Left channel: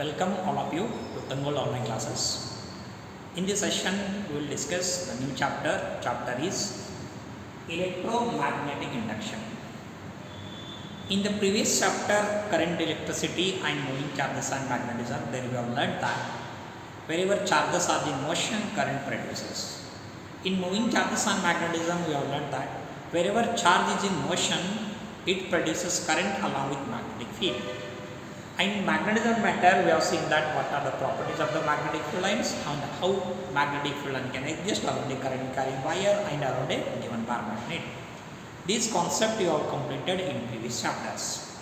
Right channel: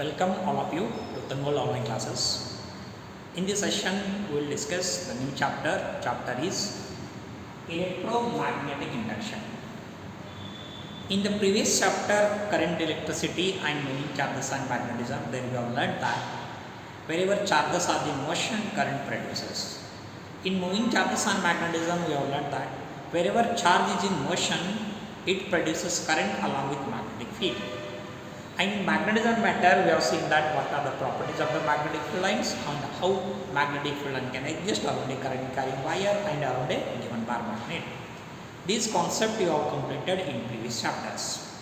Welcome all of you to Tangol online classes. In this session, we will discuss the new chapter. Chapter is electromagnetic induction. In the previous chapter, current, electricity and moving charges and magnetism, then we have learned that wherever charges are in motion, current produces. In moving charges and magnetism, we have learned that wherever charge is in motion, it produces current along with magnetic field. And in magnetism matter, we have seen that what are the properties of the magnetic field lines and how magnetic field line can exist around a current carrying wire and around a given bar magnet. This concept you have completed in previous chapters.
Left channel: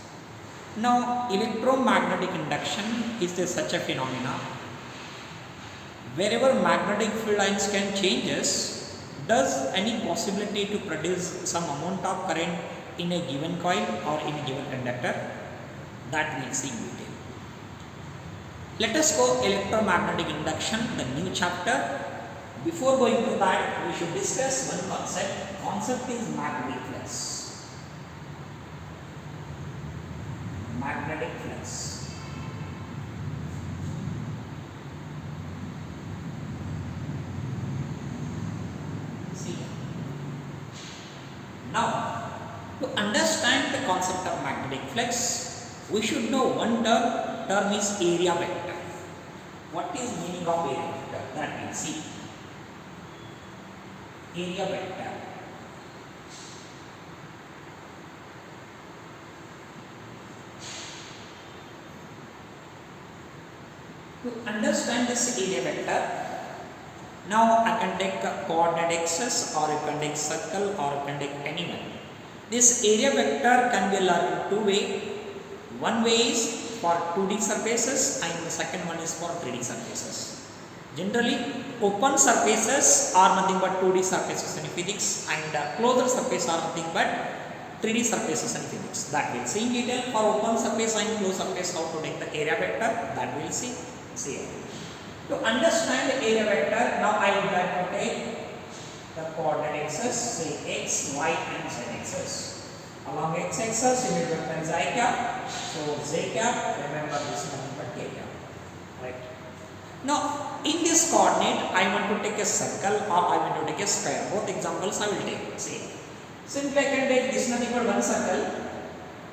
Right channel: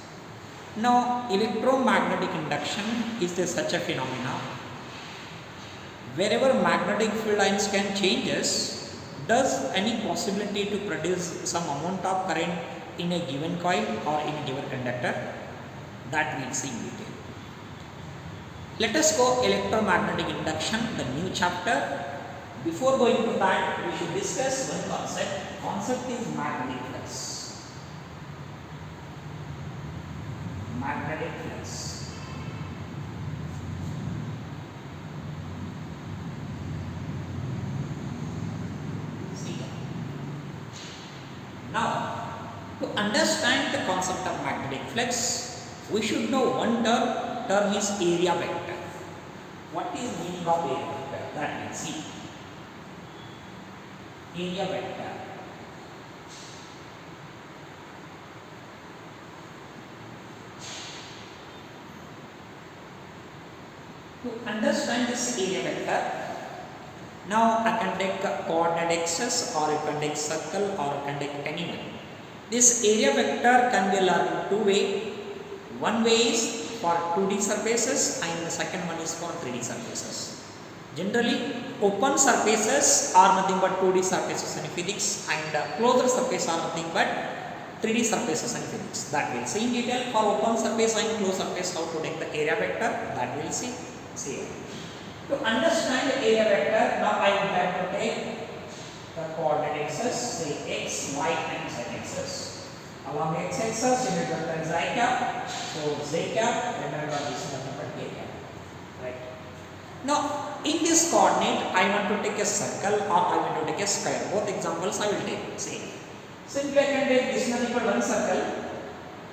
Now, electromagnetic induction is such a phenomena. Wherever magnetic field lines can changes, does any possibility to produce some amount of current in a given coil or in a given conductor? That we will see in detail. Let us go electromagnetic induction, the new chapter. Before going to that, we should discuss one concept. Concept is magnetic flux. Magnetic flux. See here. Now, to understand the concept of magnetic flux, we should know one term is area vector. What is meaning of area vector? That we see. Area vector. To understand this area vector, now I can take coordinate axis, or you can take circle, or you can take anyone. This area vector can be learned in two ways. One way is for 2D surfaces and the second one is for 3D surfaces. Generally, open surfaces are nothing but 2D surfaces in physics, and closed surfaces are nothing but 3D surfaces in physics. That we'll see in detail. For open surface and closed surface, how to take the area vector, that we'll see. See, to understand the area vector, now I would like to take the coordinate axis, say x, y and z axis. Along x-axis, you need to recognize I cap. So z cap, remember this is nothing but k cap. Right. Now, in this coordinate, I want to take a circle or I want to take a square. Both examples I will take. See, simply I can take this nothing but one circle.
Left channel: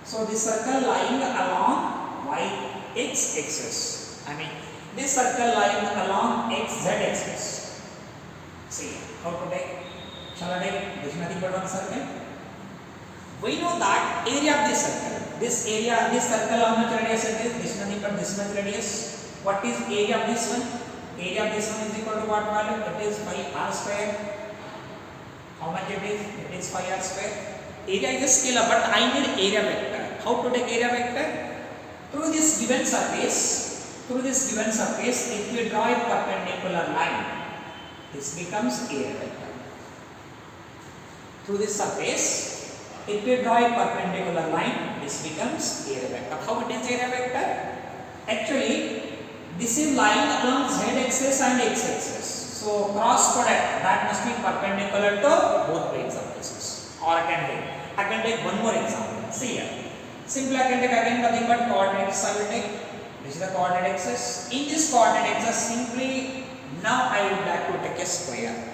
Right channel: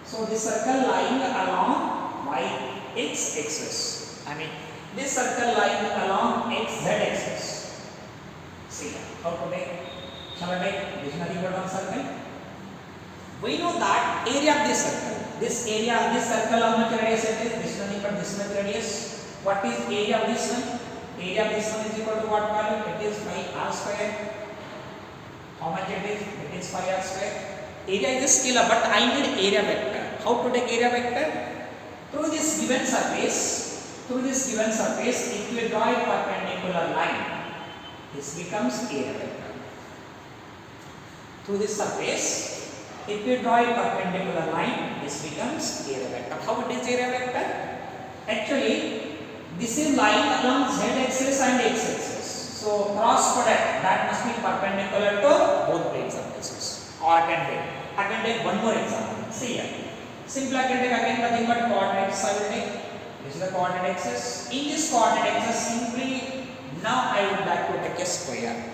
So this circle lying along y-x-axis. I mean, this circle lying along x-z-axis. See, how to take? Shall I take this nothing but one circle? We know that area of this circle. This area, this circle, how much radius it is? This nothing but this much radius. What is area of this one? Area of this one is equal to what value? It is pi r square. How much it is? It is pi r square. Area is a scalar, but I need area vector. How to take area vector? Through this given surface, if we draw a perpendicular line, this becomes area vector. Through this surface, if we draw a perpendicular line, this becomes area vector. How it is area vector? Actually, this is lying along z-axis and x-axis. So, cross product, that must be perpendicular to both plane surfaces. Or I can take one more example. See here. Simply I can take again nothing but coordinate axis I will take. This is the coordinate axis. In this coordinate axis, simply now I would like to take a square.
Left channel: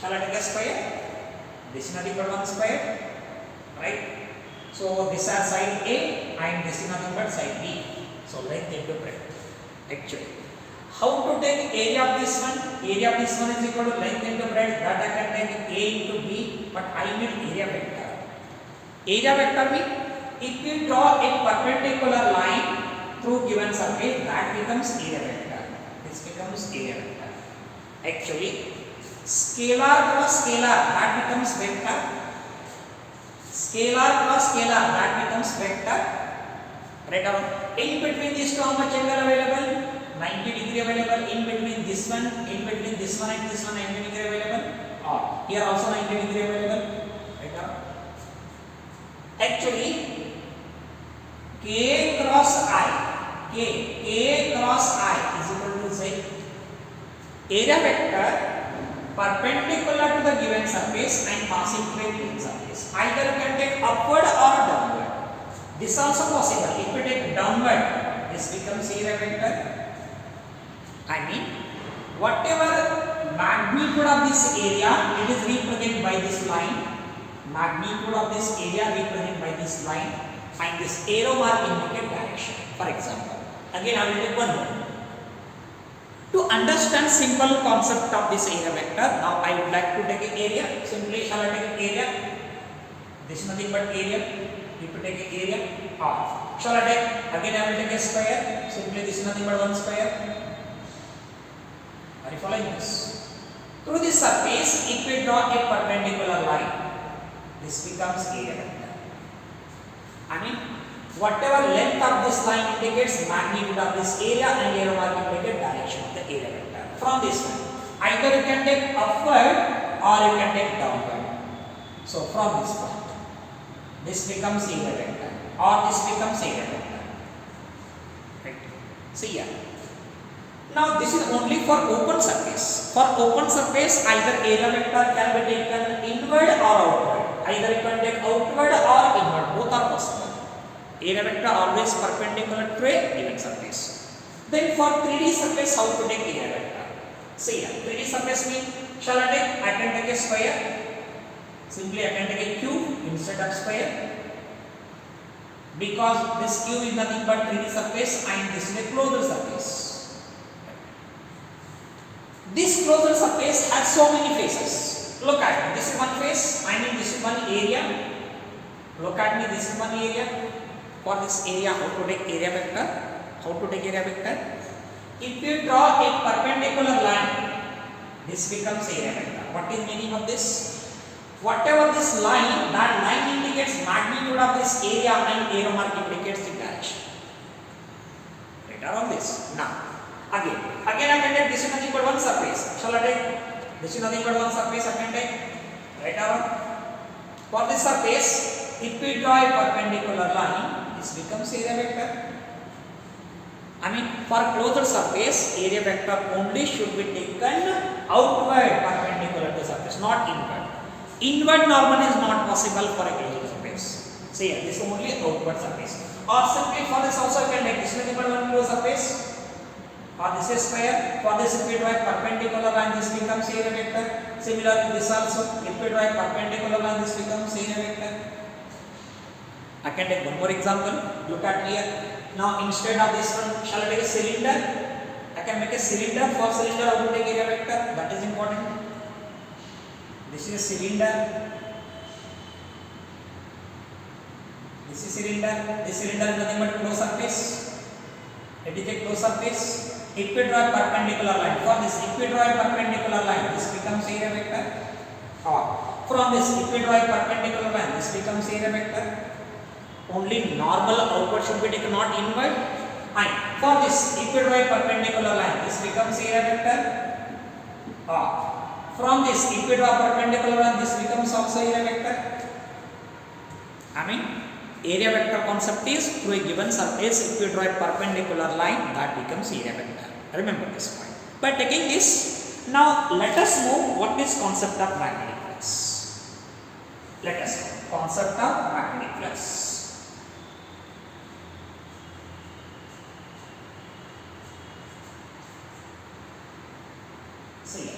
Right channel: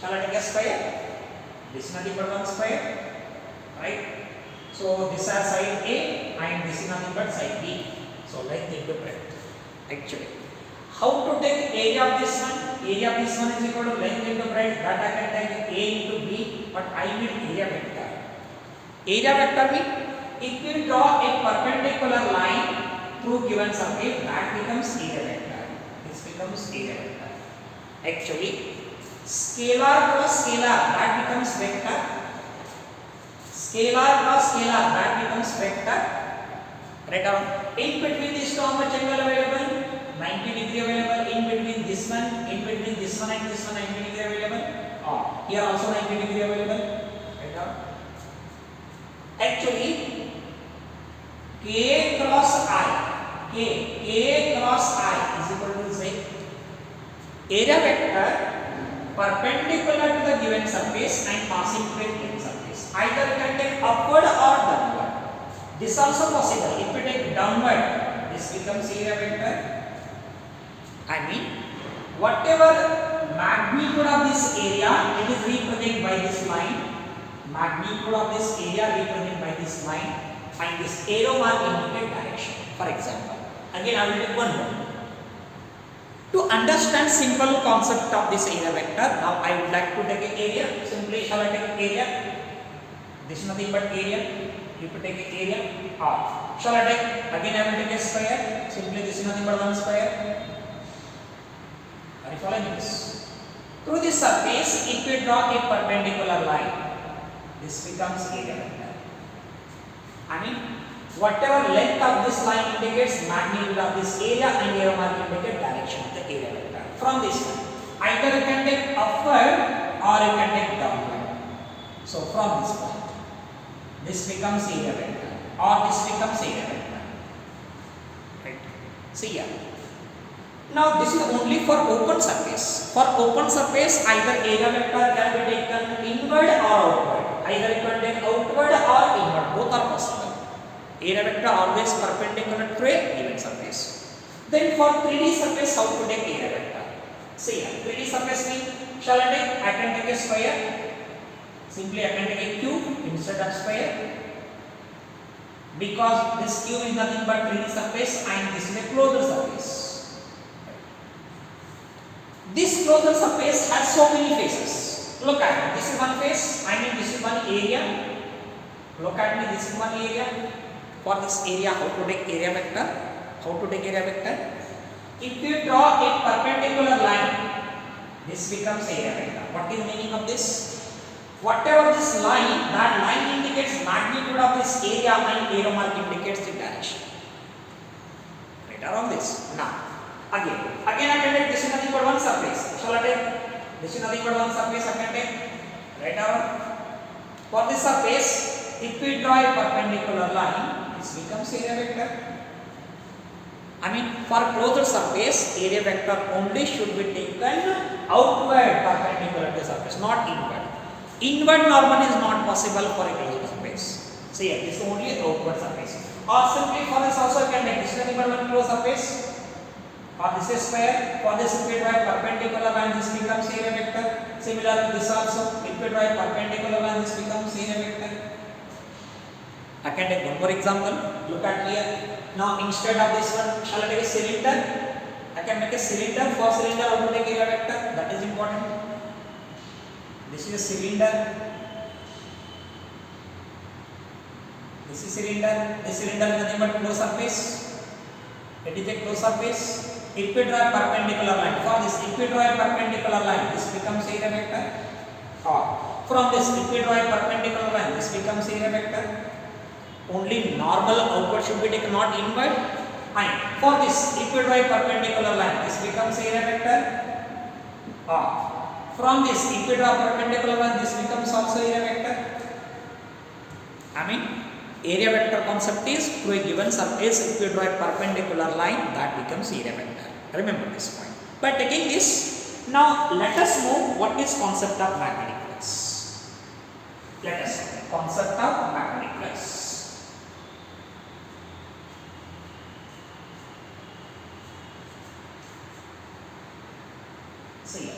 Shall I take a square? This is nothing but one square. Right? So this are side A and this is nothing but side B. So length into breadth. Actually, how to take area of this one? Area of this one is equal to length into breadth. That I can take A into B, but I need area vector. Area vector means if we draw a perpendicular line through given surface, that becomes area vector. This becomes area vector. Actually, scalar cross scalar, that becomes vector. Scalar cross scalar, that becomes vector. Right now, in between these two, how much angle available? 90 degree available. In between this one and this one, 90 degree available. Here also 90 degree available. Right now. Actually, K cross I is equal to Z. Area vector perpendicular to the given surface and passing through a plane surface. Either you can take upward or downward. This also possible. If you take downward, this becomes area vector. I mean, whatever magnitude of this area, it is represented by this line. Magnitude of this area represented by this line, and this arrow mark indicate direction. For example, again I will take one more. To understand simple concept of this area vector, now I would like to take an area. Simply shall I take area? This is nothing but area. You have to take an area. R. Shall I take? Again I will take a square. Simply this is nothing but one square. Are you following this? Through this surface, if we draw a perpendicular line, this becomes area vector. I mean, whatever length of this line indicates magnitude of this area, and arrow mark indicates direction of the area vector. From this line, either you can take upward or you can take downward. So from this point, this becomes area vector, or this becomes area vector. Right? See here. Now this is only for open surface. For open surface, either area vector can be taken inward or outward. Either you can take outward or inward. Both are possible. Area vector always perpendicular to a given surface. Then for 3D surface, how to take area vector? See here, 3D surface means, shall I take? I can take a square. Simply I can take a cube instead of square. Because this cube is nothing but 3D surface and this is a closed surface. This closed surface has so many faces. Look at me, this is one face, I mean this is one area. Look at me, this is one area. For this area, how to take area vector? How to take area vector? If you draw a perpendicular line, this becomes area vector. What is the meaning of this? Whatever this line, that line indicates magnitude of this area and arrow mark indicates the direction. Right around this. Now, again I can take this is nothing but one surface. Shall I take? This is nothing but one surface I can take. Right around. For this surface, if we draw a perpendicular line, this becomes area vector. I mean, for closed surface, area vector only should be taken outward perpendicular to the surface, not inward. Inward normally is not possible for a closed surface. So here, this is only outward surface. Or simply for this also you can take this is nothing but one closed surface. Or this is square. For this, if we draw a perpendicular line, this becomes area vector. Similarly, this also, if we draw a perpendicular line, this becomes area vector. I can take one more example. Look at here. Now, instead of this one, shall I take a cylinder? I can make a cylinder. For cylinder, how to take area vector? That is important. This is a cylinder. This is cylinder. This cylinder is nothing but closed surface. It is a closed surface. If we draw a perpendicular line, for this, if we draw a perpendicular line, this becomes area vector. Or from this, if we draw a perpendicular line, this becomes area vector. Only normal outward should be taken, not inward. And for this, if we draw a perpendicular line, this becomes area vector. Or from this, if we draw a perpendicular line, this becomes also area vector. I mean, area vector concept is through a given surface, if we draw a perpendicular line, that becomes area vector. Remember this point. By taking this, now let us know what is concept of magnetic flux. Let us know concept of magnetic flux. See here.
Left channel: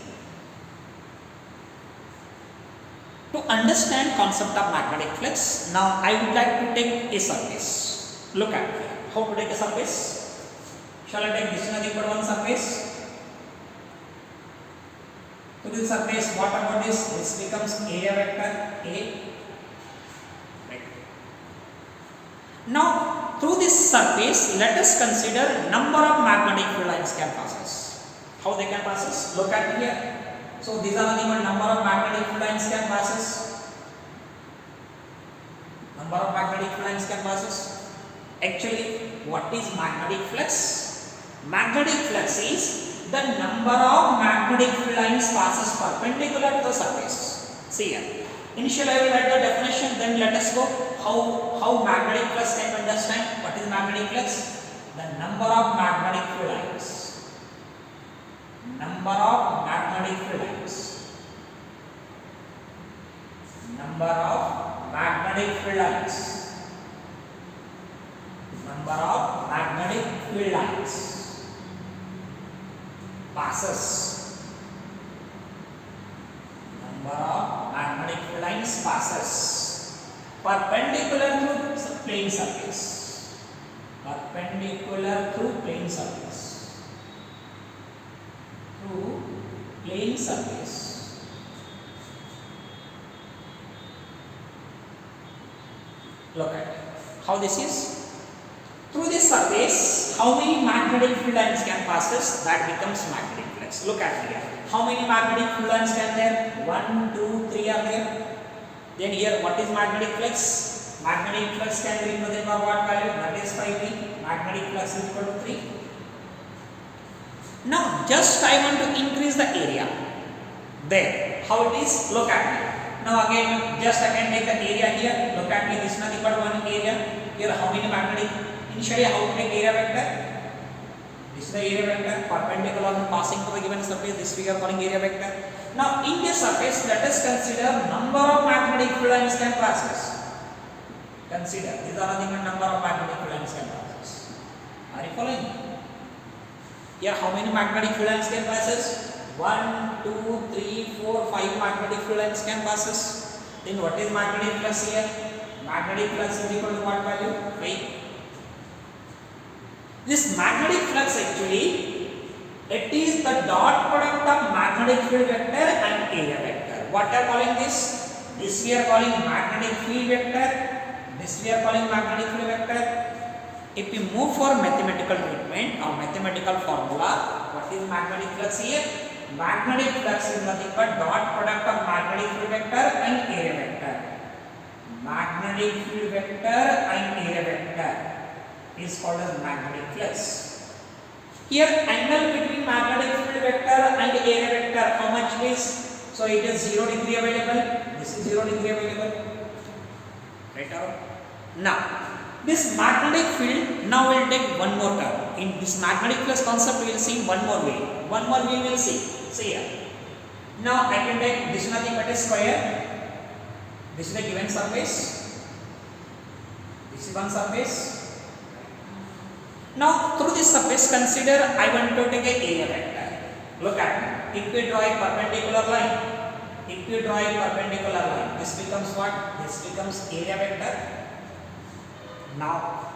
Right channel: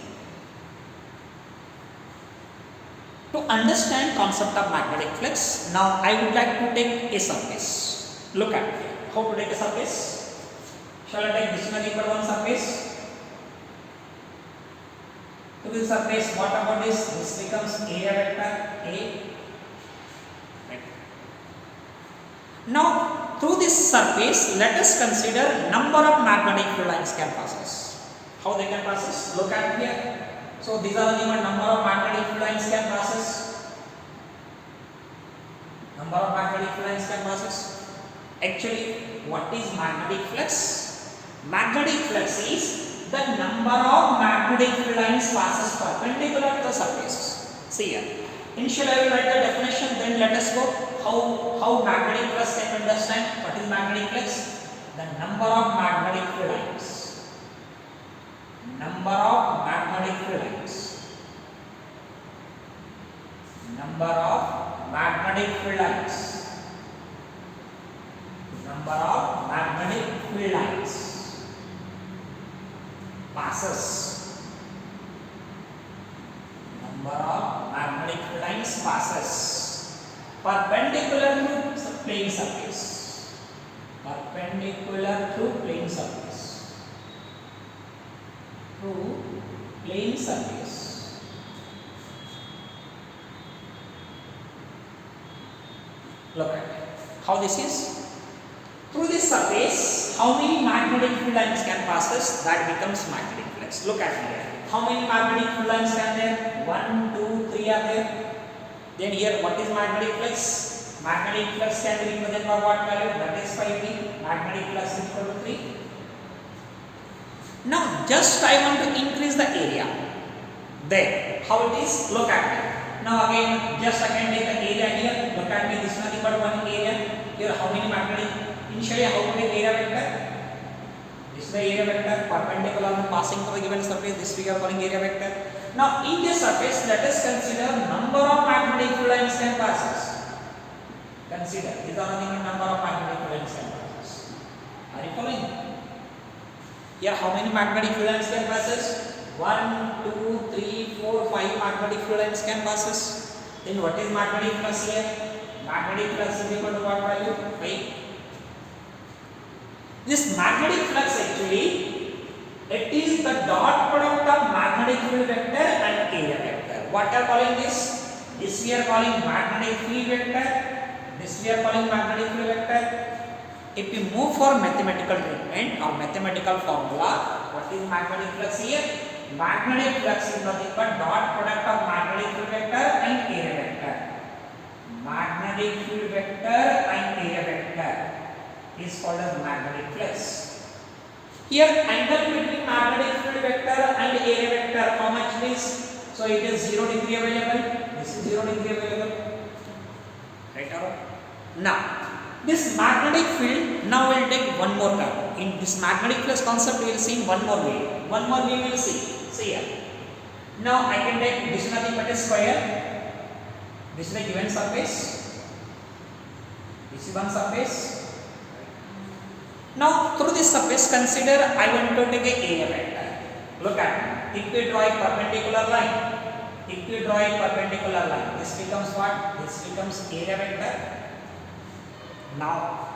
To understand concept of magnetic flux, now I would like to take a surface. Look at here. How to take a surface? Shall I take this nothing but one surface? To this surface, what about this? This becomes area vector A. Right. Now, through this surface, let us consider number of magnetic field lines can passes. How they can passes? Look at here. So these are the number of magnetic field lines can passes. Number of magnetic field lines can passes. Actually, what is magnetic flux? Magnetic flux is the number of magnetic field lines passes perpendicular to the surface. See here. Initially, I will write the definition. Then let us go how magnetic flux can be understand. What is magnetic flux? The number of magnetic field lines. Number of magnetic field lines. Number of magnetic field lines. Number of magnetic field lines passes. Number of magnetic field lines passes perpendicular to plane surface. Perpendicular to plane surface. Through plane surface. Look at how this is. Through this surface, how many magnetic field lines can passes? That becomes magnetic flux. Look at here. How many magnetic field lines can there? 1, 2, 3 are there. Then here, what is magnetic flux? Magnetic flux can be represented by what value? That is 5P. Magnetic flux is equal to 3. Now, just I want to increase the area. There, how it is? Look at me. Now again, just I can take the area here. Look at me. This is nothing but one area. Here, how many magnetic? Initially, how to take area vector? This is the area vector perpendicular and passing through the given surface. This we are calling area vector. Now, in this surface, let us consider number of magnetic field lines can passes. Consider these are nothing but number of magnetic field lines can passes. Are you following? Here, how many magnetic field lines can passes? 1, 2, 3, 4, 5 magnetic field lines can passes. Then what is magnetic flux here? Magnetic flux is equal to what value? 5. This magnetic flux actually, it is the dot product of magnetic field vector and area vector. What are calling this? This we are calling magnetic field vector. This we are calling magnetic field vector. If we move for mathematical treatment or mathematical formula, what is magnetic flux here? Magnetic flux is nothing but dot product of magnetic field vector and area vector. Magnetic field vector and area vector is called as magnetic flux. Here, angle between magnetic field vector and area vector, how much it is? So it is 0 degree available. This is 0 degree available. Right or wrong? Now, this magnetic field, now we will take one more term. In this magnetic flux concept, we will see in one more way. One more way we will see. See here. Now I can take this is nothing but a square. This is a given surface. This is one surface. Now through this surface, consider I want to take a area vector. Look at me. If we draw a perpendicular line, this becomes what? This becomes area vector. Now,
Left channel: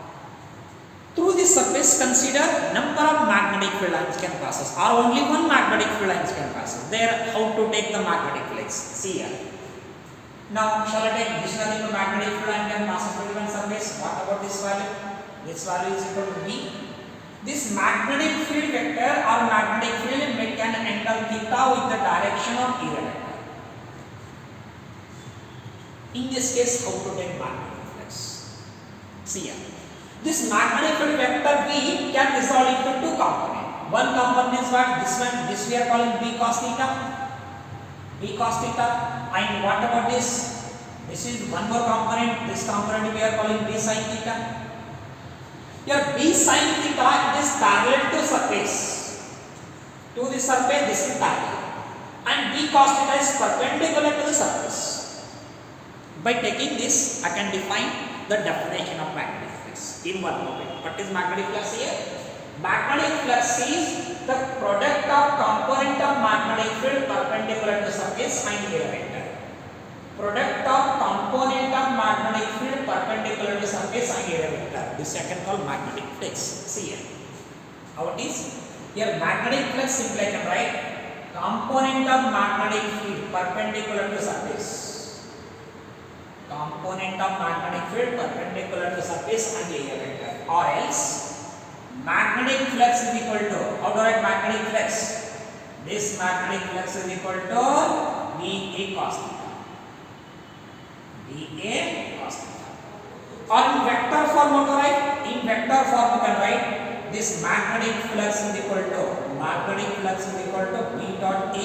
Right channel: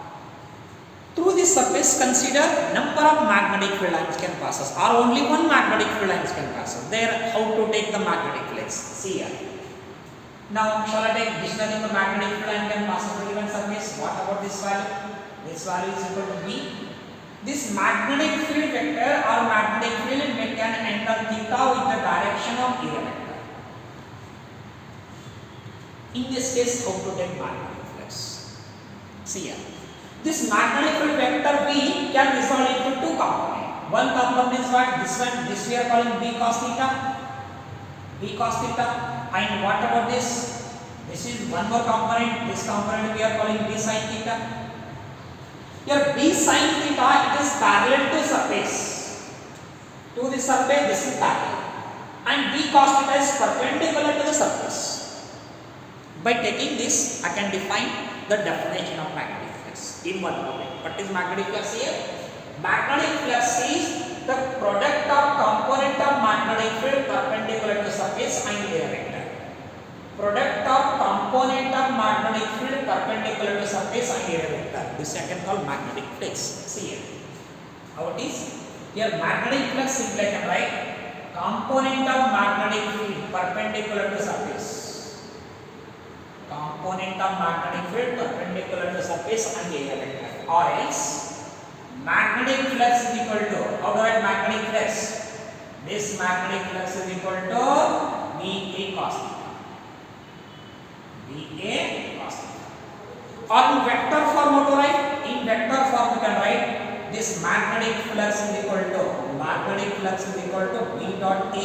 through this surface, consider number of magnetic field lines can pass us, or only one magnetic field lines can pass us. There, how to take the magnetic flux? See here. Now, shall I take this nothing but magnetic field line can pass us through given surface? What about this value? This value is equal to B. This magnetic field vector or magnetic field make an angle theta with the direction of area vector. In this case, how to take magnetic flux? See here. This magnetic field vector B can resolve into two components. One component is what? This one. This we are calling B cos theta. B cos theta. And what about this? This is one more component. This component we are calling B sin theta. Here B sin theta, it is parallel to surface. To the surface, this is parallel. And B cos theta is perpendicular to the surface. By taking this, I can define the definition of magnetic flux in one moment. What is magnetic flux here? Magnetic flux is the product of component of magnetic field perpendicular to surface and area vector. Product of component of magnetic field perpendicular to surface and area vector. This I can call magnetic flux. See here. How it is? Here magnetic flux simply I can write component of magnetic field perpendicular to surface. Component of magnetic field perpendicular to surface and area vector. Or else magnetic flux is equal to, how do I write magnetic flux? This magnetic flux is equal to VA cos theta. VA cos theta. Or in vector form, what do I write? In vector form you can write this magnetic flux is equal to V dot A.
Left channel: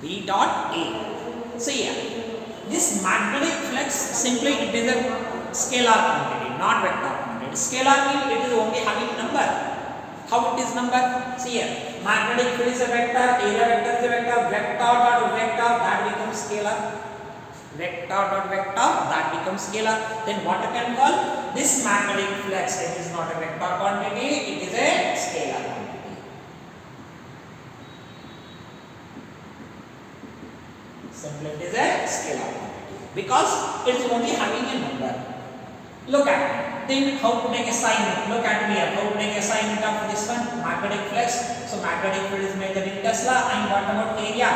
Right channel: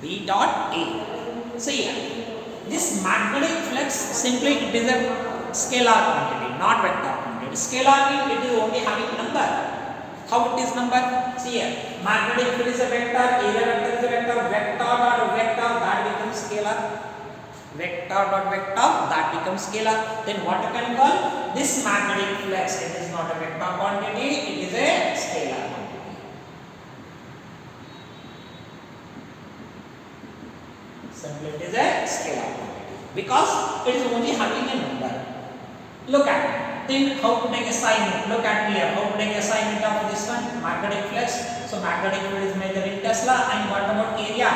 V dot A. So here, this magnetic flux simply it is a scalar quantity, not vector quantity. Scalar means it is only having number. How it is number? See here, magnetic field is a vector, area vector is a vector, vector dot vector, that becomes scalar. Vector dot vector, that becomes scalar. Then what I can call this magnetic flux? It is not a vector quantity, it is a scalar quantity. Simply it is a scalar quantity because it is only having a number. Look at it. Then how to take assignment? Look at me here. How to take assignment of this one? Magnetic flux. So magnetic field is measured in Tesla. And what about area?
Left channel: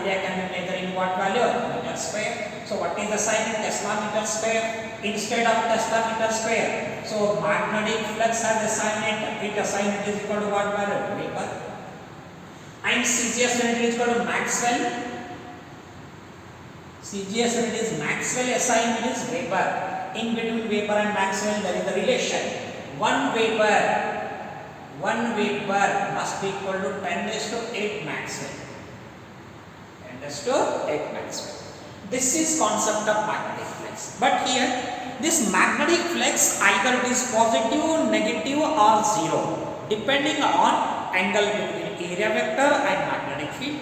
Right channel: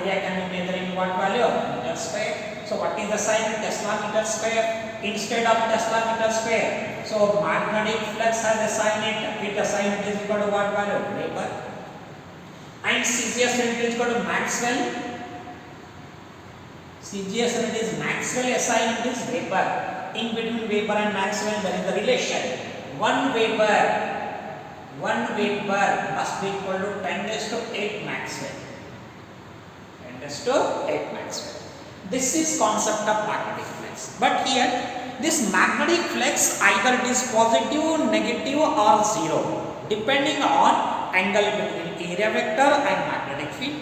Area can be measured in what value? Meter square. So what is the sign in Tesla meter square instead of Tesla meter square? So magnetic flux has assigned it. It assigned it is equal to what value? Weber. And CGS unit is equal to Maxwell. CGS unit is Maxwell, assigned is Weber. In between Weber and Maxwell there is a relation. 1 Weber must be equal to 10 raised to 8 Maxwell. 10 raised to 8 Maxwell. This is concept of magnetic flux. But here this magnetic flux either it is positive, negative or zero depending on angle between area vector and magnetic field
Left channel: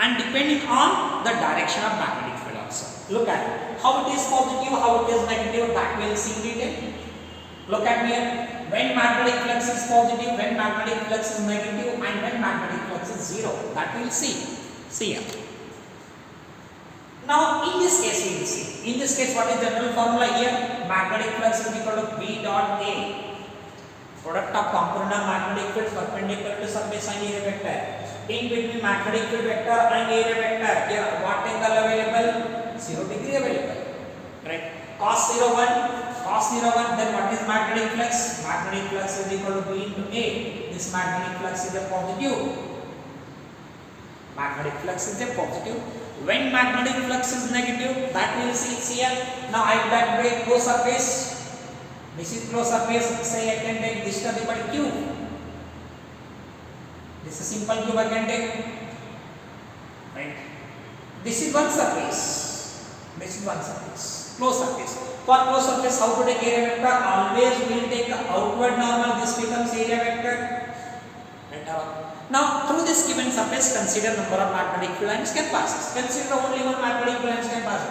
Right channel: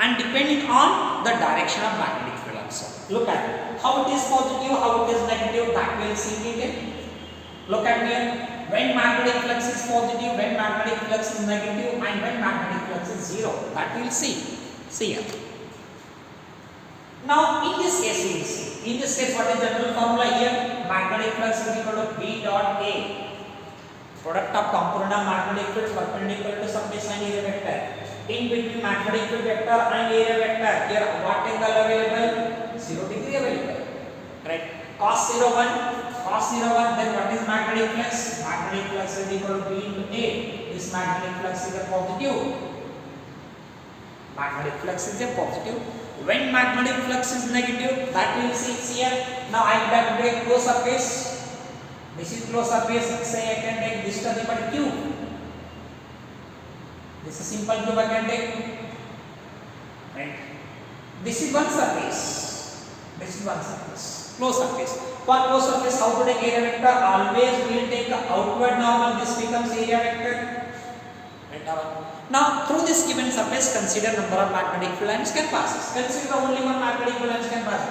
and depending on the direction of magnetic field also. Look at it. How it is positive, how it is negative, that we will see in detail. Look at here. When magnetic flux is positive, when magnetic flux is negative, and when magnetic flux is zero. That we will see. See here. Now in this case we will see. In this case what is the general formula here? Magnetic flux is equal to B dot A. Product of component of magnetic field perpendicular to surface and area vector. In between magnetic field vector and area vector, here what angle available? 0 degree available. Right? Cos 0 1, then what is magnetic flux? Magnetic flux is equal to B into A. This magnetic flux is a positive. Magnetic flux is a positive. When magnetic flux is negative, that we will see here. Now I would like to take close surface. This is close surface. Say I can take distance equal to Q. This is simple cube I can take. Right? This is one surface. This is one surface. Close surface. For close surface, how to take area vector? Always we will take the outward normal. This becomes area vector. Right? Now through this given surface, consider number of magnetic field lines can pass. Consider only one magnetic field lines can pass.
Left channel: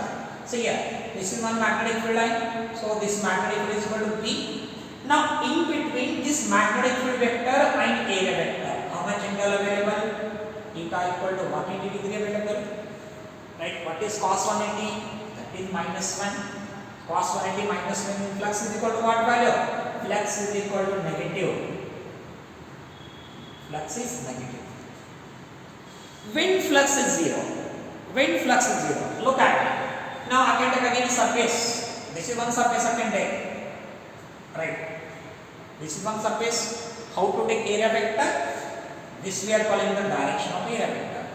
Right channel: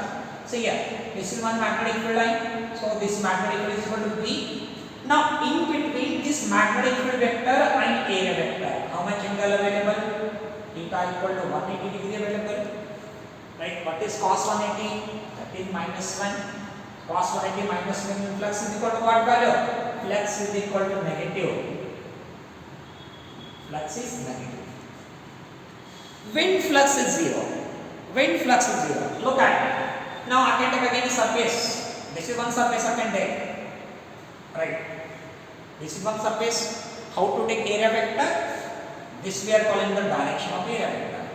See here. This is one magnetic field line. So this magnetic field is equal to B. Now in between this magnetic field vector and area vector, how much angle available? Theta equal to 180 degree available. Right? What is cos 180? That is minus 1. Cos 180 minus 1 flux is equal to what value? Flux is equal to negative. Flux is negative. When flux is zero? When flux is zero? Look at it. Now I can take again surface. This is one surface I can take. Right? This is one surface. How to take area vector? This we are calling the direction of area vector.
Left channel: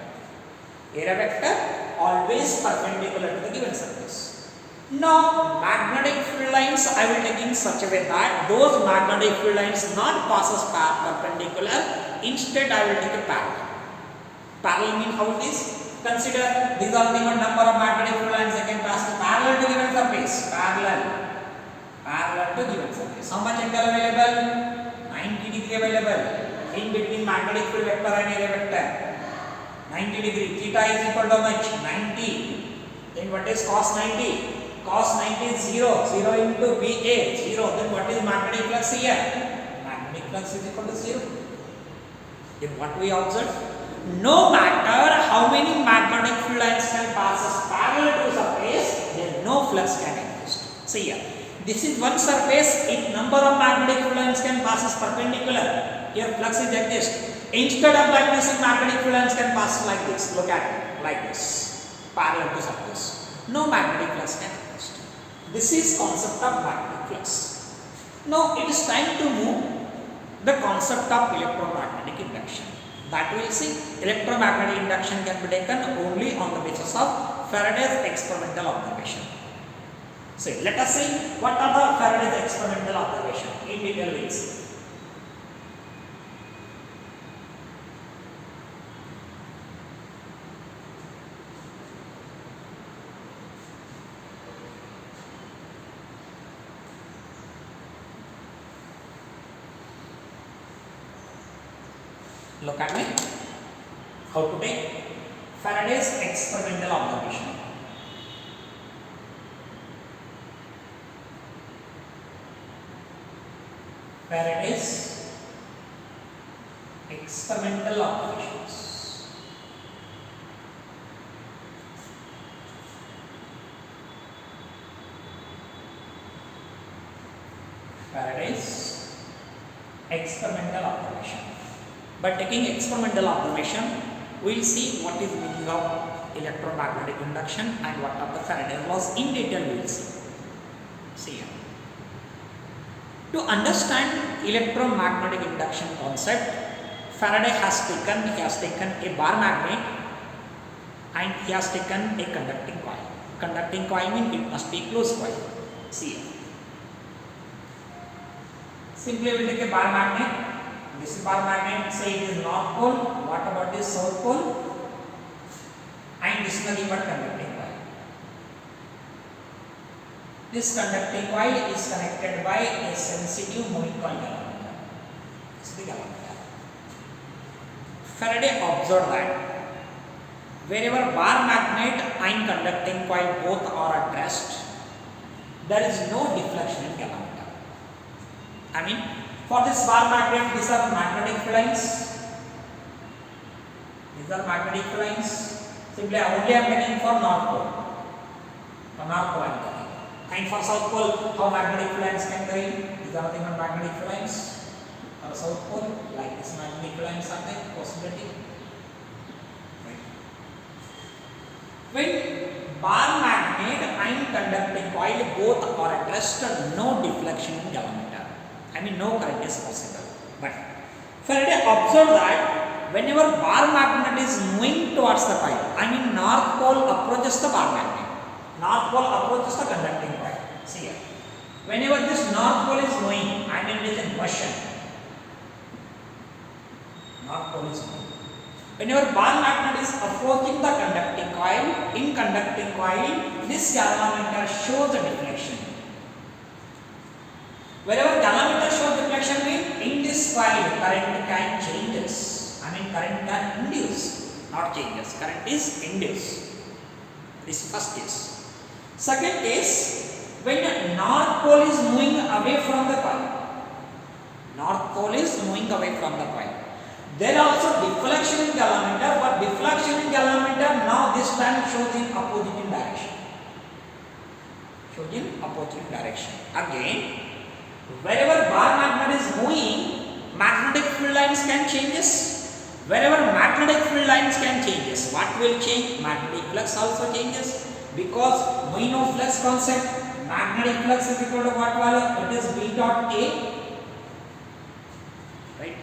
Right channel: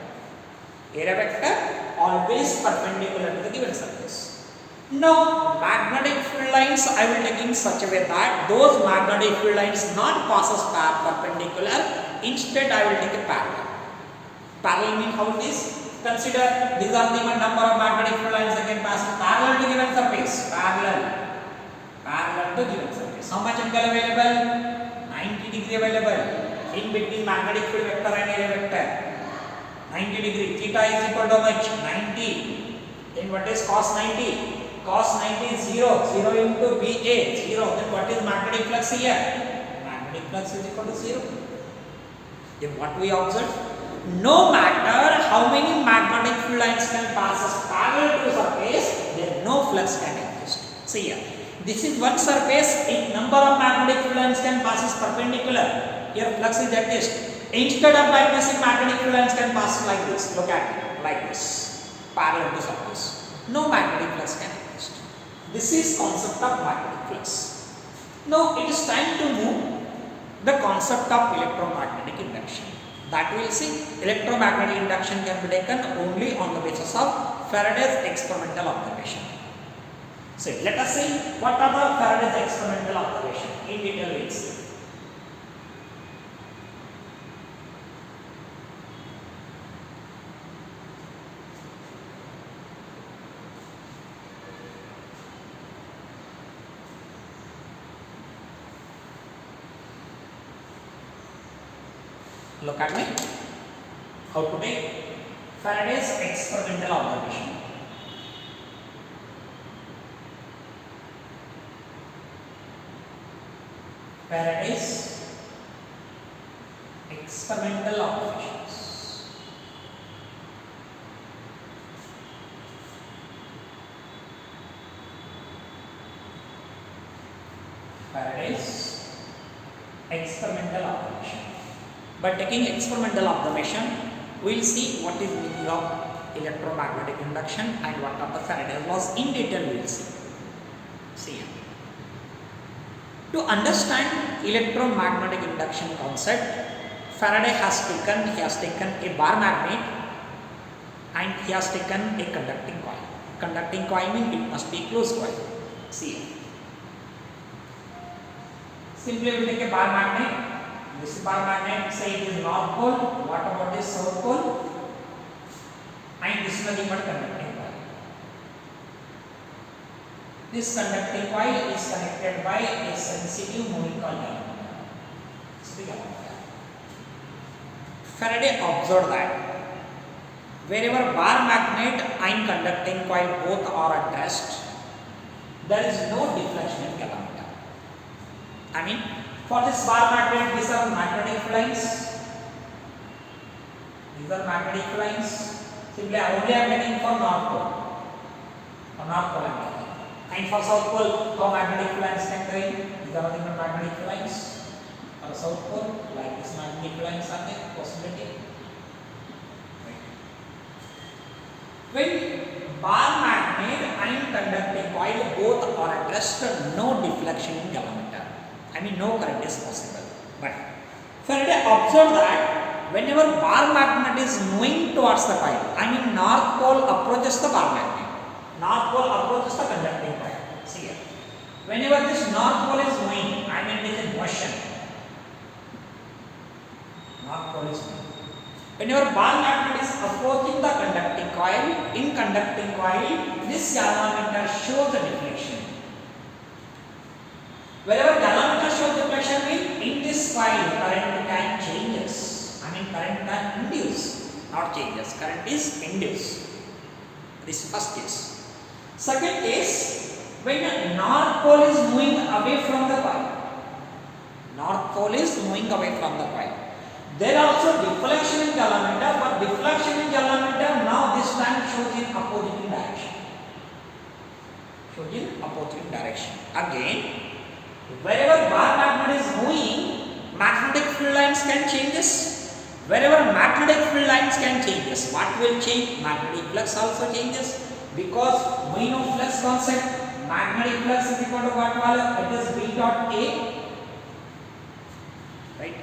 Area vector always perpendicular to the given surface. Now magnetic field lines I will take in such a way that those magnetic field lines not passes perpendicular. Instead I will take a parallel. Parallel means how it is? Consider these are the number of magnetic field lines that can pass parallel to given surface. Parallel to given surface. How much angle available? 90 degree available. In between magnetic field vector and area vector. 90 degree. Theta is equal to how much? 90. Then what is cos 90? Cos 90 is 0. 0 into BA. 0. Then what is magnetic flux here? Magnetic flux is equal to 0. Then what we observe? No matter how many magnetic field lines can pass parallel to surface, then no flux can exist. See here. This is one surface. If number of magnetic field lines can pass perpendicular, here flux is exist. Instead of like this, magnetic field lines can pass like this. Look at it, like this, parallel to surface. No magnetic flux can exist. This is concept of magnetic flux. Now it is time to move the concept of electromagnetic induction. That we will see. Electromagnetic induction can be taken only on the basis of Faraday's experimental observation. So let us see what are the Faraday's experimental observation in detail we will see. Look at me. How to take Faraday's experimental observation. Faraday's experimental observations. Faraday's experimental observation. By taking experimental observation, we will see what is meaning of electromagnetic induction and what are the Faraday's laws. In detail we will see. See here. To understand electromagnetic induction concept, Faraday has taken a bar magnet and he has taken a conducting coil. Conducting coil means it must be closed coil. See here. Simply we will take a bar magnet. This bar magnet, say it is north pole. What about this south pole? And this is nothing but conducting coil. This conducting coil is connected by a sensitive moving coil galvanometer. This is the galvanometer. Faraday observed that wherever bar magnet and conducting coil both are at rest, there is no deflection in galvanometer. I mean, for this bar magnet, these are magnetic fields. These are magnetic fields. Simply, only I am taking for north pole. For north pole I am taking. And for south pole, how magnetic fields can go in? These are nothing but magnetic fields. For south pole, like this magnetic fields are there, possibility. When bar magnet and conducting coil both are at rest, no deflection in galvanometer. I mean, no current is possible. But Faraday observed that whenever bar magnet is moving towards the coil, I mean north pole approaches the bar magnet, north pole approaches the conducting coil. See here. Whenever this north pole is moving, I mean it is in motion. North pole is moving. Whenever bar magnet is approaching the conducting coil, in conducting coil, this galvanometer shows the deflection. Wherever galvanometer shows deflection means in this coil current can changes. I mean current can induce, not changes. Current is induced. This is first case. Second case, when north pole is moving away from the coil. North pole is moving away from the coil. There also deflection in galvanometer, but deflection in galvanometer now this time shows in opposite direction. Shows in opposite direction. Again, wherever bar magnet is moving, magnetic field lines can changes. Wherever magnetic field lines can changes, what will change? Magnetic flux also changes, because we know flux concept. Magnetic flux is equal to what value? It is B dot A. Right?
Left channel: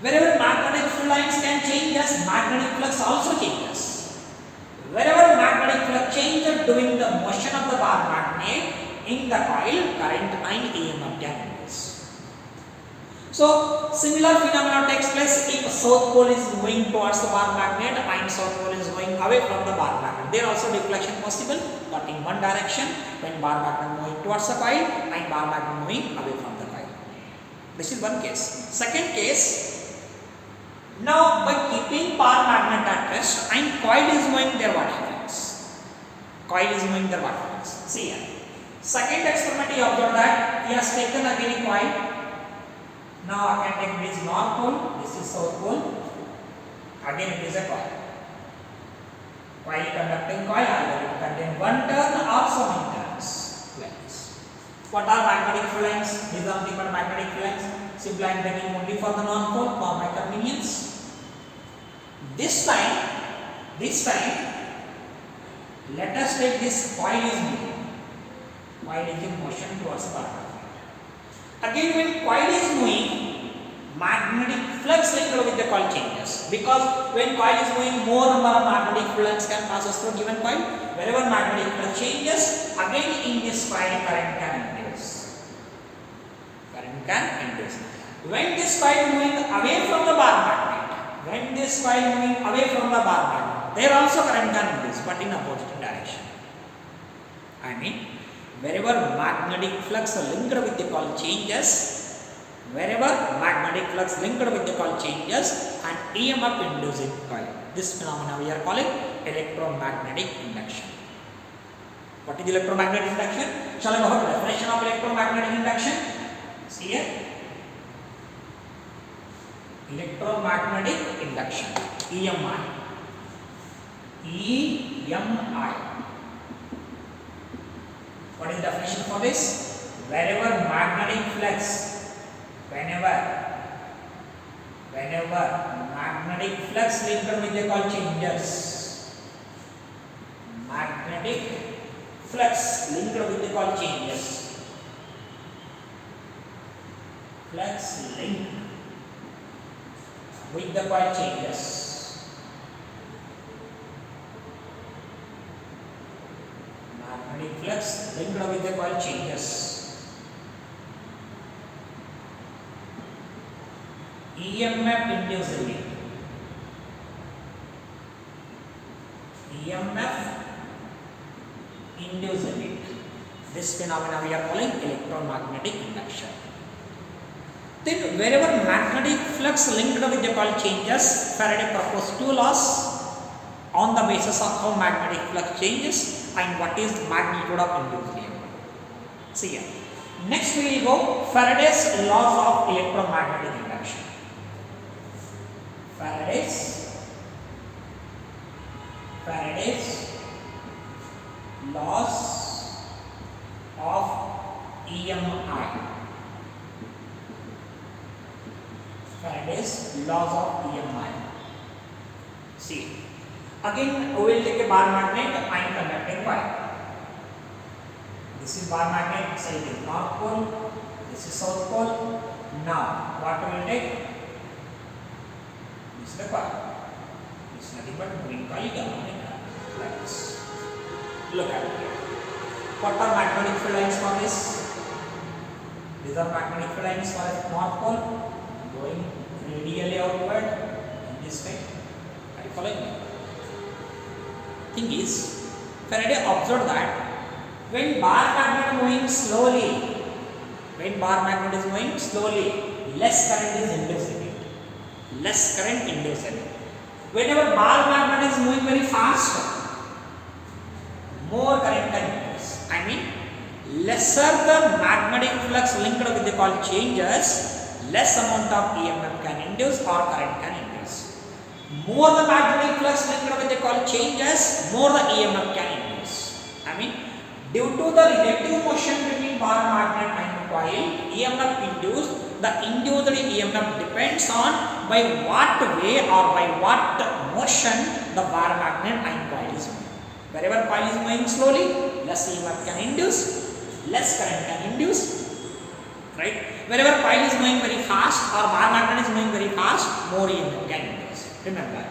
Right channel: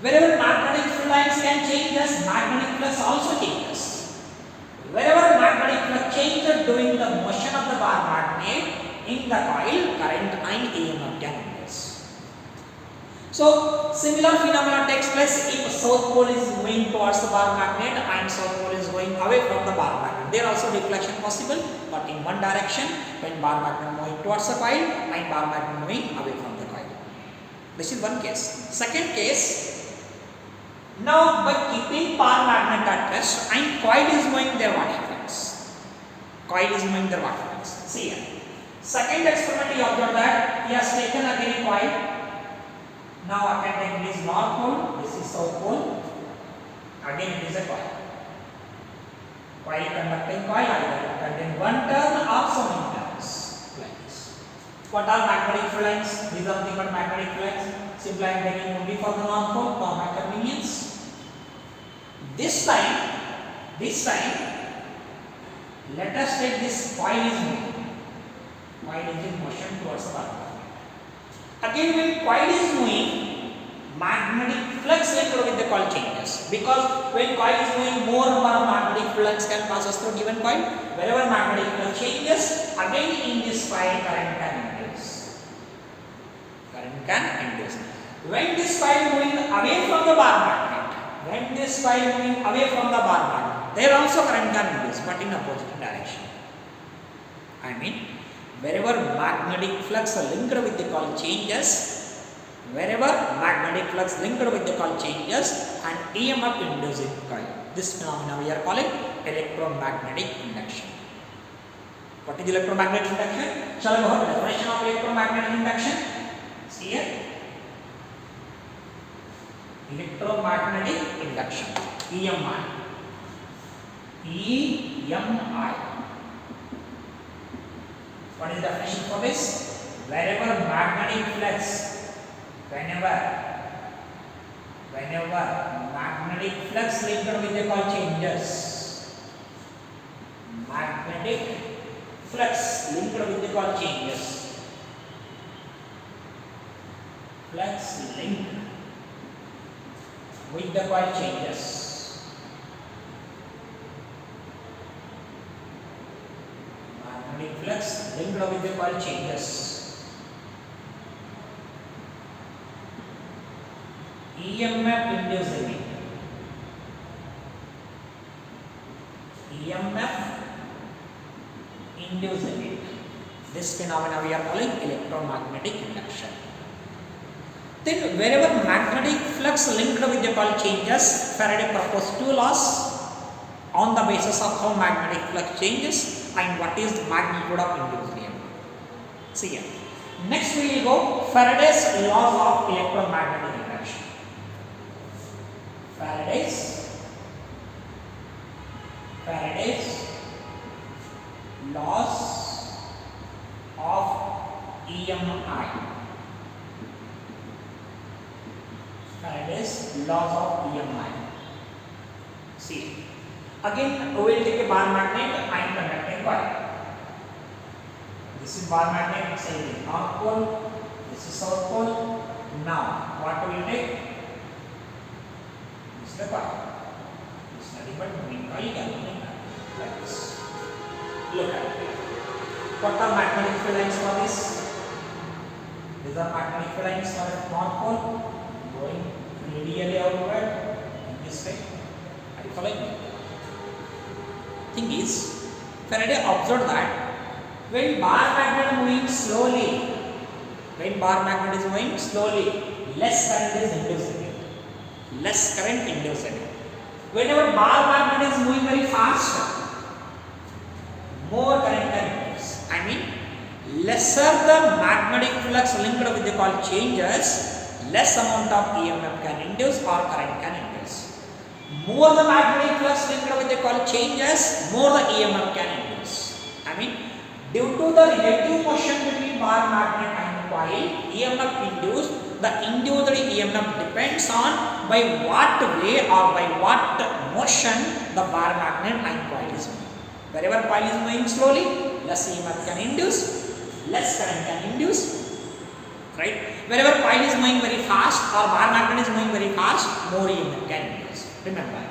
Wherever magnetic field lines can changes, magnetic flux also changes. Wherever magnetic flux changes during the motion of the bar magnet in the coil, current and EMF can induce. So, similar phenomena takes place if south pole is moving towards the bar magnet and south pole is going away from the bar magnet. There also deflection possible, but in one direction when bar magnet moving towards the coil and bar magnet moving away from the coil. This is one case. Second case, now by keeping bar magnet at rest and coil is moving there, what happens? Coil is moving there, what happens? See here. Second experiment he observed that he has taken again a coil. Now I can take this north pole, this is south pole. Again it is a coil. Coil conducting coil, either it contain one turn or so many turns. Like this. What are magnetic field lines? These are nothing but magnetic field lines. Simply I am taking only for the north pole for my convenience. This time, let us take this coil is moving. Coil is in motion towards the bar magnet. Again, when coil is moving, magnetic flux linked with the coil changes, because when coil is moving, more number of magnetic flux can pass through given coil. Wherever magnetic flux changes, again in this coil current can induce. Current can induce. When this coil moving away from the bar magnet, there also current can induce, but in opposite direction. I mean, wherever magnetic flux linked with the coil changes, and EMF inducing coil. This phenomena we are calling electromagnetic induction. What is electromagnetic induction? Shall I go over the definition of electromagnetic induction? See here. electromagnetic induction, EMI. EMI. What is the definition for this? Wherever magnetic flux, whenever magnetic flux linked with the call changes, magnetic flux linked with the call changes, flux linked with the coil changes, magnetic flux linked with the coil changes, EMF inducing it, EMF inducing it. This phenomena we are calling electromagnetic induction. Then wherever magnetic flux linked with the coil changes, Faraday proposed two laws on the basis of how magnetic flux changes and what is the magnitude of induced EMF. See here. Next we will go Faraday's laws of electromagnetic induction. Faraday's laws of EMI. Faraday's laws of EMI. See, again we will take a bar magnet and conducting coil. This is bar magnet, say the north pole, this is south pole. Now, what we will take? This is the coil. This is nothing but moving coil like this. Look at it here. What are magnetic field lines for this? These are magnetic field lines for the north pole, going radially outward in this way. Are you following me? Thing is, Faraday observed that when bar magnet moving slowly, less current is induced in it. Whenever bar magnet is moving very fast, more current can induce. I mean, lesser the magnetic flux linked with the coil changes, less amount of EMF can induce or current can induce. More the magnetic flux linked with the coil changes, more the EMF can induce. I mean, due to the relative motion between bar magnet and coil, EMF induced, the induced EMF depends on by what way or by what motion the bar magnet and coil is moving. Wherever coil is moving slowly, less EMF can induce, less current can induce, right? Wherever coil is moving very fast or bar magnet is moving very fast, more EMF can induce. Remember,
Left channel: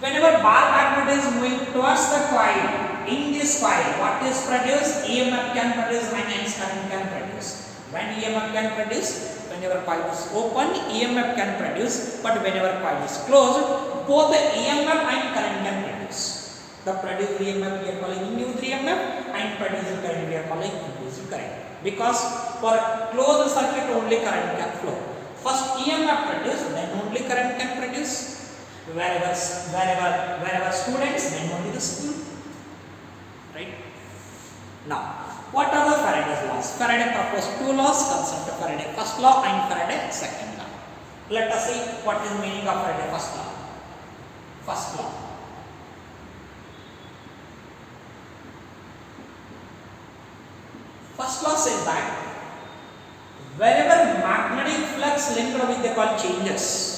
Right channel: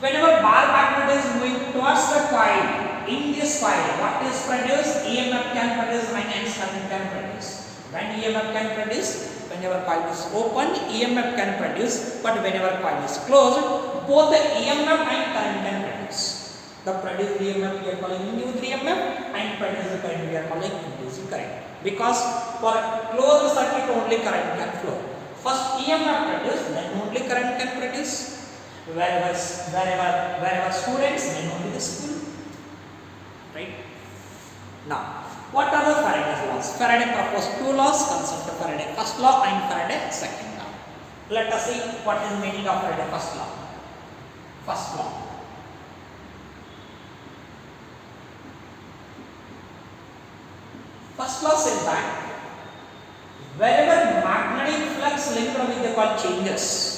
whenever bar magnet is moving towards the coil, in this coil, what is produced? EMF can produce and hence current can produce. When EMF can produce, whenever coil is open, EMF can produce, but whenever coil is closed, both the EMF and current can produce. The produced EMF we are calling induced EMF and produced current we are calling induced current. Because for closed circuit only current can flow. First EMF produce, then only current can produce. Wherever students, then only the school. Right? Now, what are the Faraday's laws? Faraday proposed two laws concerned to Faraday first law and Faraday second law. Let us see what is meaning of Faraday first law. First law. First law says that wherever magnetic flux linked with the coil changes,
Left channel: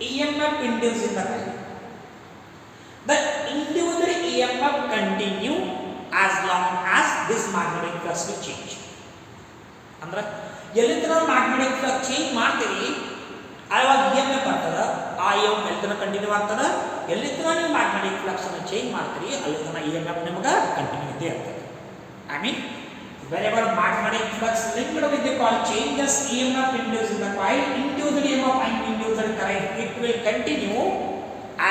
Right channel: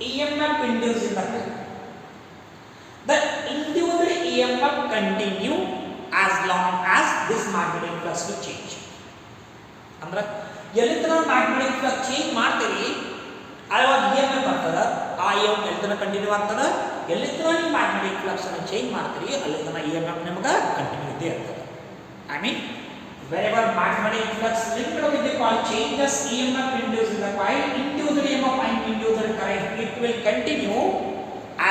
EMF induced in the coil. The induced EMF continue as long as this magnetic flux will change. ಅಂದ್ರೆ ಎಲ್ಲಿತನ magnetic flux change ಮಾಡ್ತೀರಿ ಆವಾಗ EMF ಬರ್ತದ ಆ EMF ಎಲ್ಲಿತನ continue ಆಗ್ತದ ಎಲ್ಲಿತನ ನೀವು magnetic flux ಅನ್ನು ಚೇಂಜ್ ಮಾಡ್ತೀರಿ ಅಲ್ಲಿತನ EMF ನಿಮಗೆ ಕಂಟಿನ್ಯೂ ಇದ್ದೇ ಇರ್ತದೆ. I mean, wherever magnetic flux linked with the coil changes, EMF induced in the coil, induced EMF and induced current, it will continue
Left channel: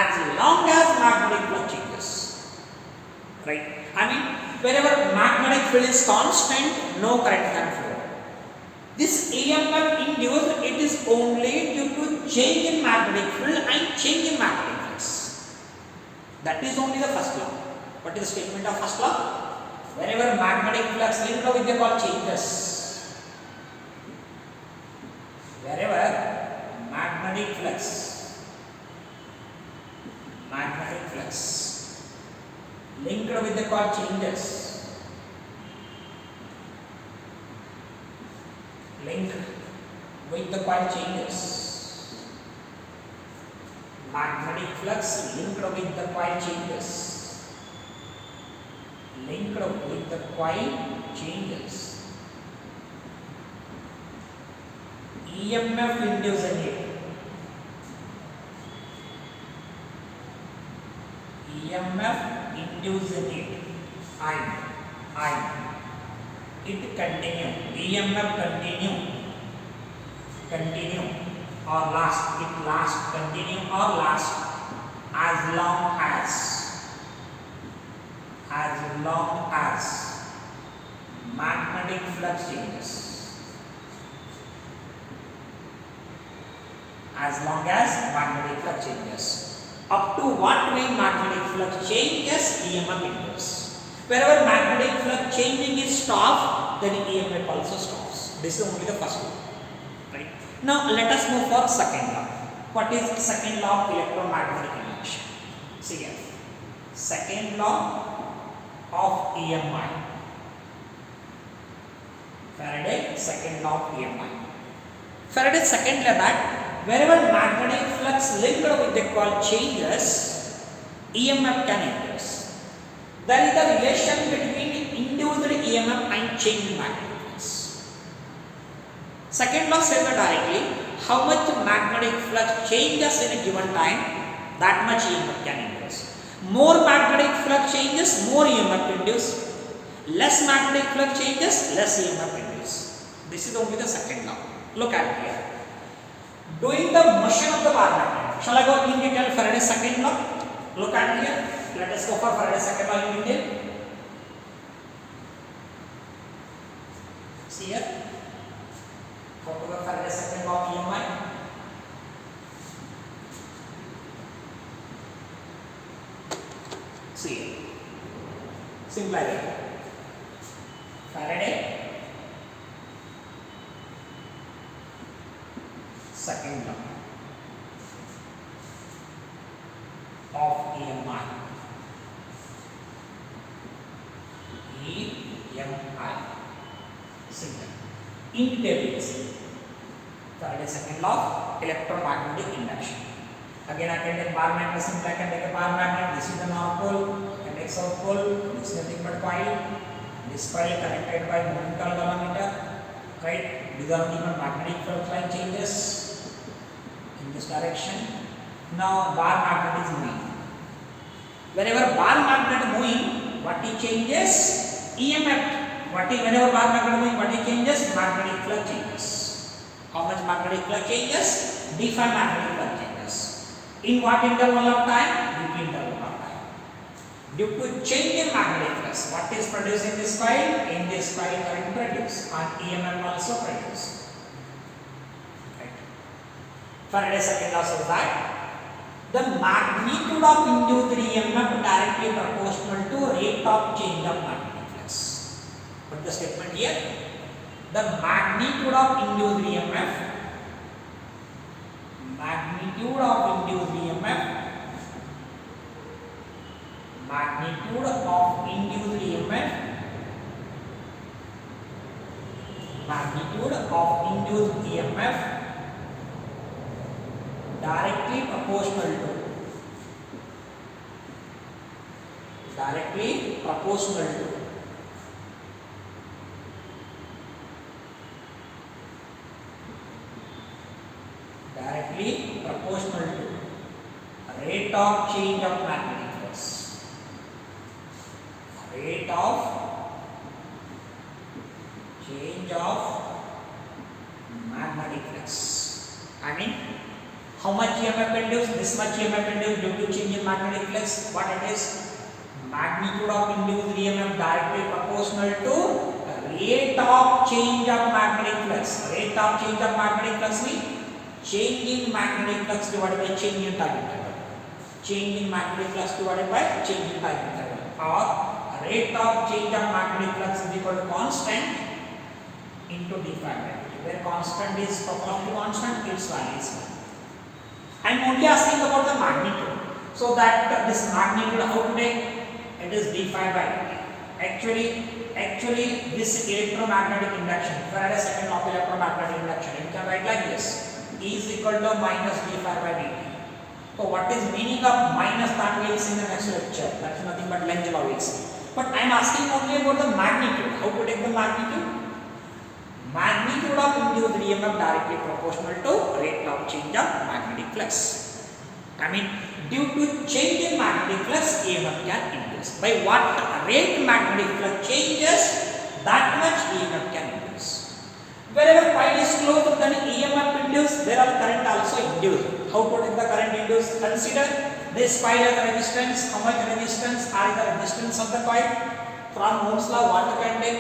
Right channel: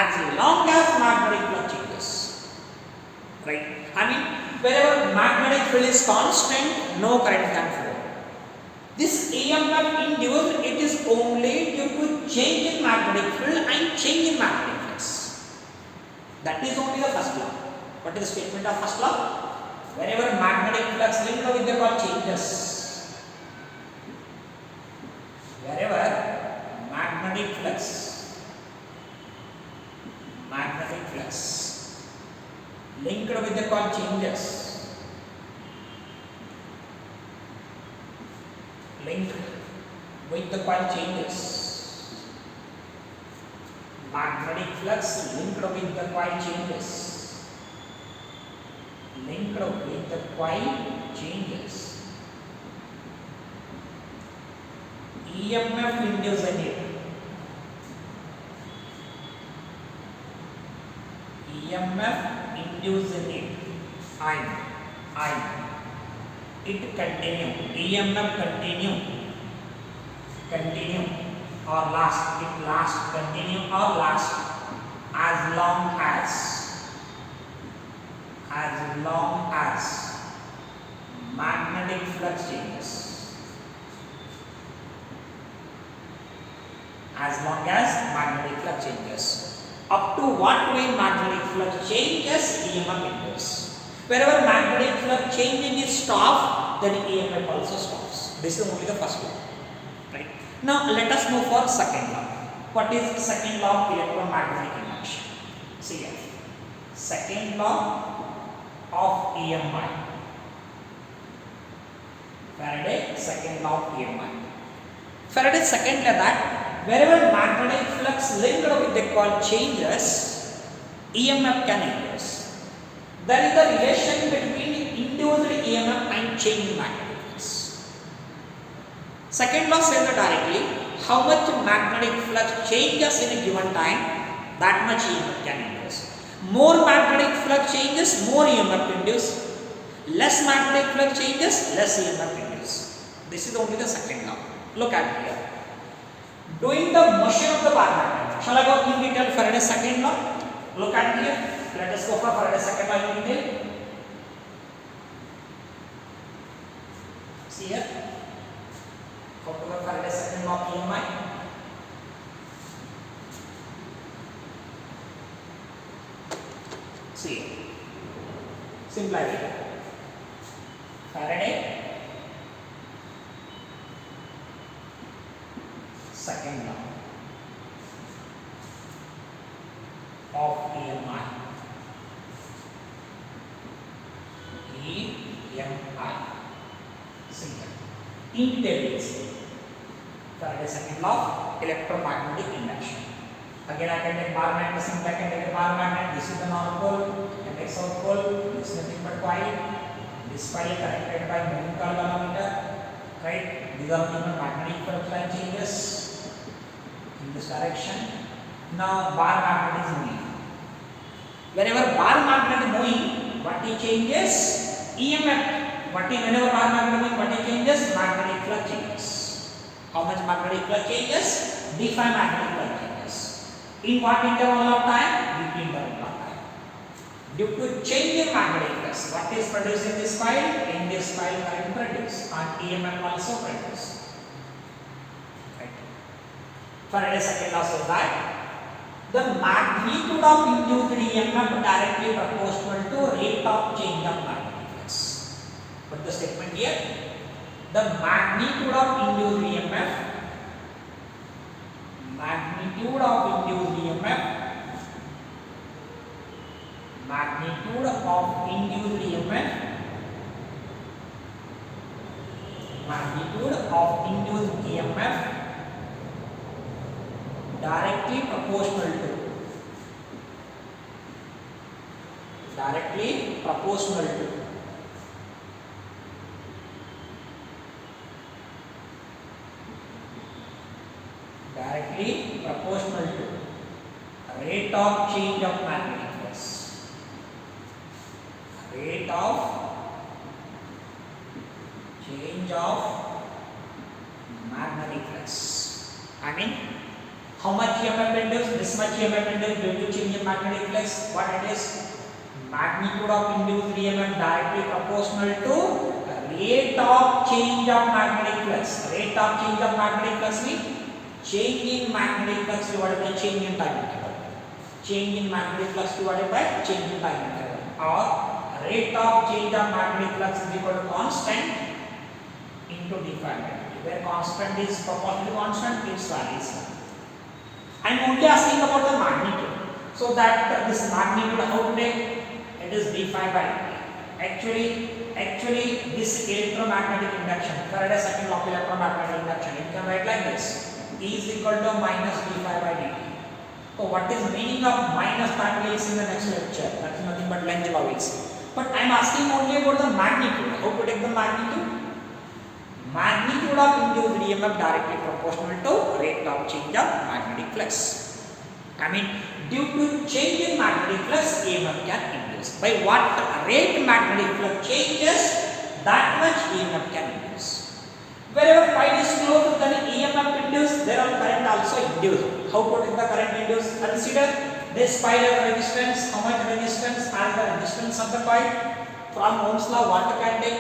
as long as magnetic flux changes. Right? I mean, wherever magnetic field is constant, no current can flow. This EMF induced, it is only due to change in magnetic field and change in magnetic flux. That is only the first law. What is the statement of first law? Wherever magnetic flux linked with the coil changes, wherever magnetic magnetic flux, magnetic flux linked with the coil changes, linked with the coil changes, magnetic flux linked with the coil changes, linked with the coil changes. EMF induced in it. EMF induced in it. I. It continue. EMF continue or last. It last. Continue or last as long as magnetic flux changes. As long as magnetic flux changes. Up to what way magnetic flux changes, EMF induces. Wherever magnetic flux changing is stopped, then EMF also stops. This is only the first law. Right? Now let us move for second law. What is the second law of electromagnetic induction? See here. Second law of EMI. Faraday's second law of EMI. Faraday's second law that wherever magnetic flux linked with the coil changes, EMF can induce. There is a relation between induced EMF and change in magnetic flux. Second law says that directly how much magnetic flux changes in a given time, that much EMF can induce. More magnetic flux changes, more EMF induce. Less magnetic flux changes, less EMF induce. This is only the second law. Look at here. Doing the motion of the bar magnet. Shall I go in detail Faraday's second law? Look at here. Let us go for Faraday's second law in detail. See here. How to work Faraday's second law of EMI. See here. Simple idea. Faraday second law of EMI. See here. In detail, Faraday's second law of electromagnetic induction. Again, I can take bar magnet, simply I can take a bar magnet. This is the north pole, I can take south pole. This is nothing but coil. This coil connected by moving coil galvanometer. Right? These are the magnetic flux line changes in this direction. Now bar magnet is moving. Whenever bar magnet moving, what it changes? EMF. Whenever bar magnet moving, what it changes? Magnetic flux changes. How much magnetic flux changes? d phi magnetic flux changes. In what interval of time? Deep interval of time. Due to change in magnetic flux, what is produced in this coil? In this coil current produced and EMF also produced. Right. Faraday's second law says that the magnitude of induced EMF directly proportional to rate of change of magnetic flux. Put the statement here. The magnitude of induced EMF, magnitude of induced EMF, magnitude of induced EMF, magnitude of induced EMF directly proportional to, directly proportional to rate of change of magnetic flux, rate of change of magnetic flux. I mean, how much EMF induced? This much EMF induced due to change in magnetic flux. What it is? Magnitude of induced EMF directly proportional to rate of change of magnetic flux. Rate of change of magnetic flux means change in magnetic flux divided by change in time interval. Change in magnetic flux divided by change in time interval. Or rate of change of magnetic flux is equal to constant into d phi by dt. Where constant is proportional to constant, its value is 1. I am only asking about the magnitude. So that this magnitude, how to take? It is d phi by dt. Actually, this electromagnetic induction, Faraday's second law of electromagnetic induction, it can write like this: E is equal to minus d phi by dt. So what is meaning of minus, that we will see in the next lecture. That is nothing but Lenz law will see. But I am asking only about the magnitude. How to take the magnitude? Magnitude of induced EMF directly proportional to rate of change of magnetic flux. I mean, due to change in magnetic flux, EMF can induce. By what rate magnetic flux changes, that much EMF can induce. Wherever coil is closed, then EMF induced, there are current also induced. How to take the current induced? Consider this coil has resistance. How much resistance? Are the resistance of the coil? From Ohm's law, what you can take?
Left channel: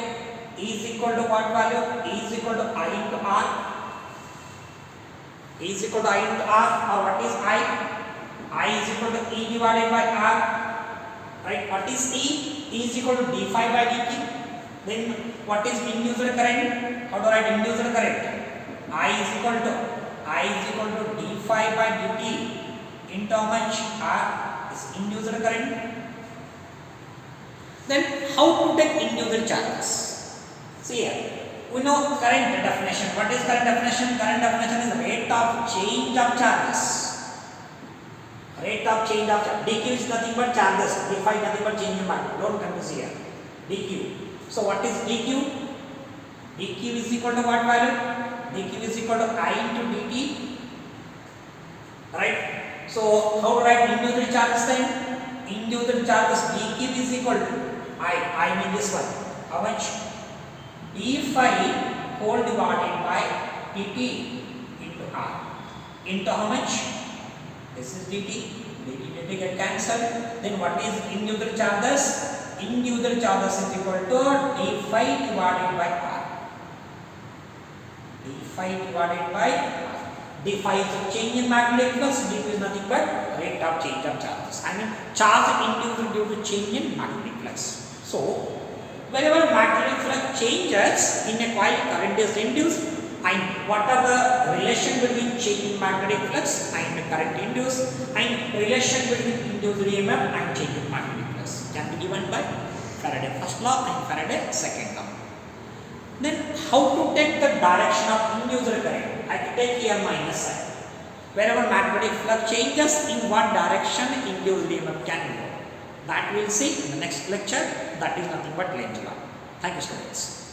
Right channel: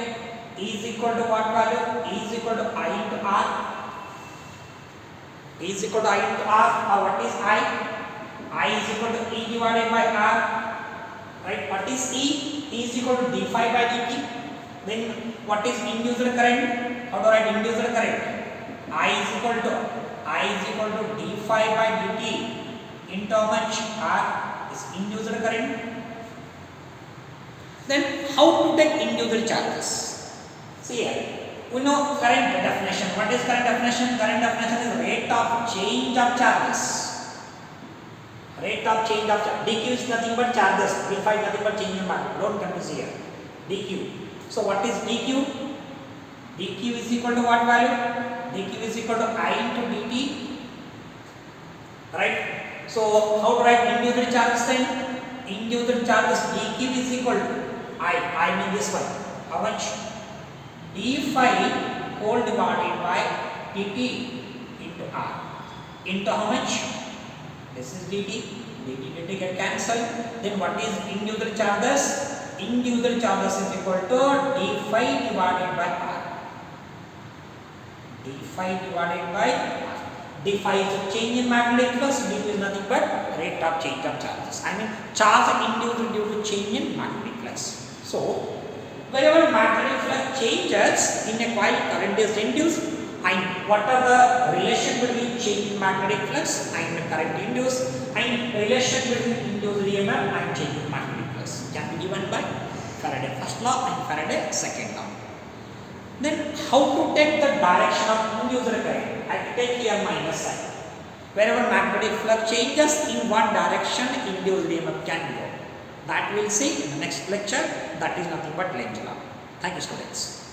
E is equal to what value? E is equal to I into R. E is equal to I into R. Or what is I? I is equal to E divided by R. Right? What is E? E is equal to d phi by dt. Then what is induced current? How to write induced current? I is equal to d phi by dt into how much? R is induced current. Then how to take induced charges? See here, we know current definition. What is current definition? Current definition is rate of change of charges. Rate of change of charge. dq is nothing but charges. d phi nothing but change in magnitude. Don't confuse here. dq. So what is dq? dq is equal to what value? dq is equal to I into dt. Right? So how to write induced charges then? Induced charges dq is equal to I mean this one. How much? d phi whole divided by dt into R. Into how much? This is dt get cancelled. Then what is induced charges? Induced charges is equal to d phi divided by R. d phi divided by R. d phi is the change in magnetic flux. dt is nothing but rate of change of charges. I mean charge induced due to change in magnetic flux. So wherever magnetic flux changes in a coil, current is induced, and what are the relation between change in magnetic flux and current induced, and relation between induced EMF and change in magnetic flux can be given by Faraday first law and Faraday second law. Then how to take the direction of induced current? I take here minus sign. Wherever magnetic flux changes, in what direction induced EMF can go. That we will see in the next lecture. That is nothing but Lenz law. Thank you, students.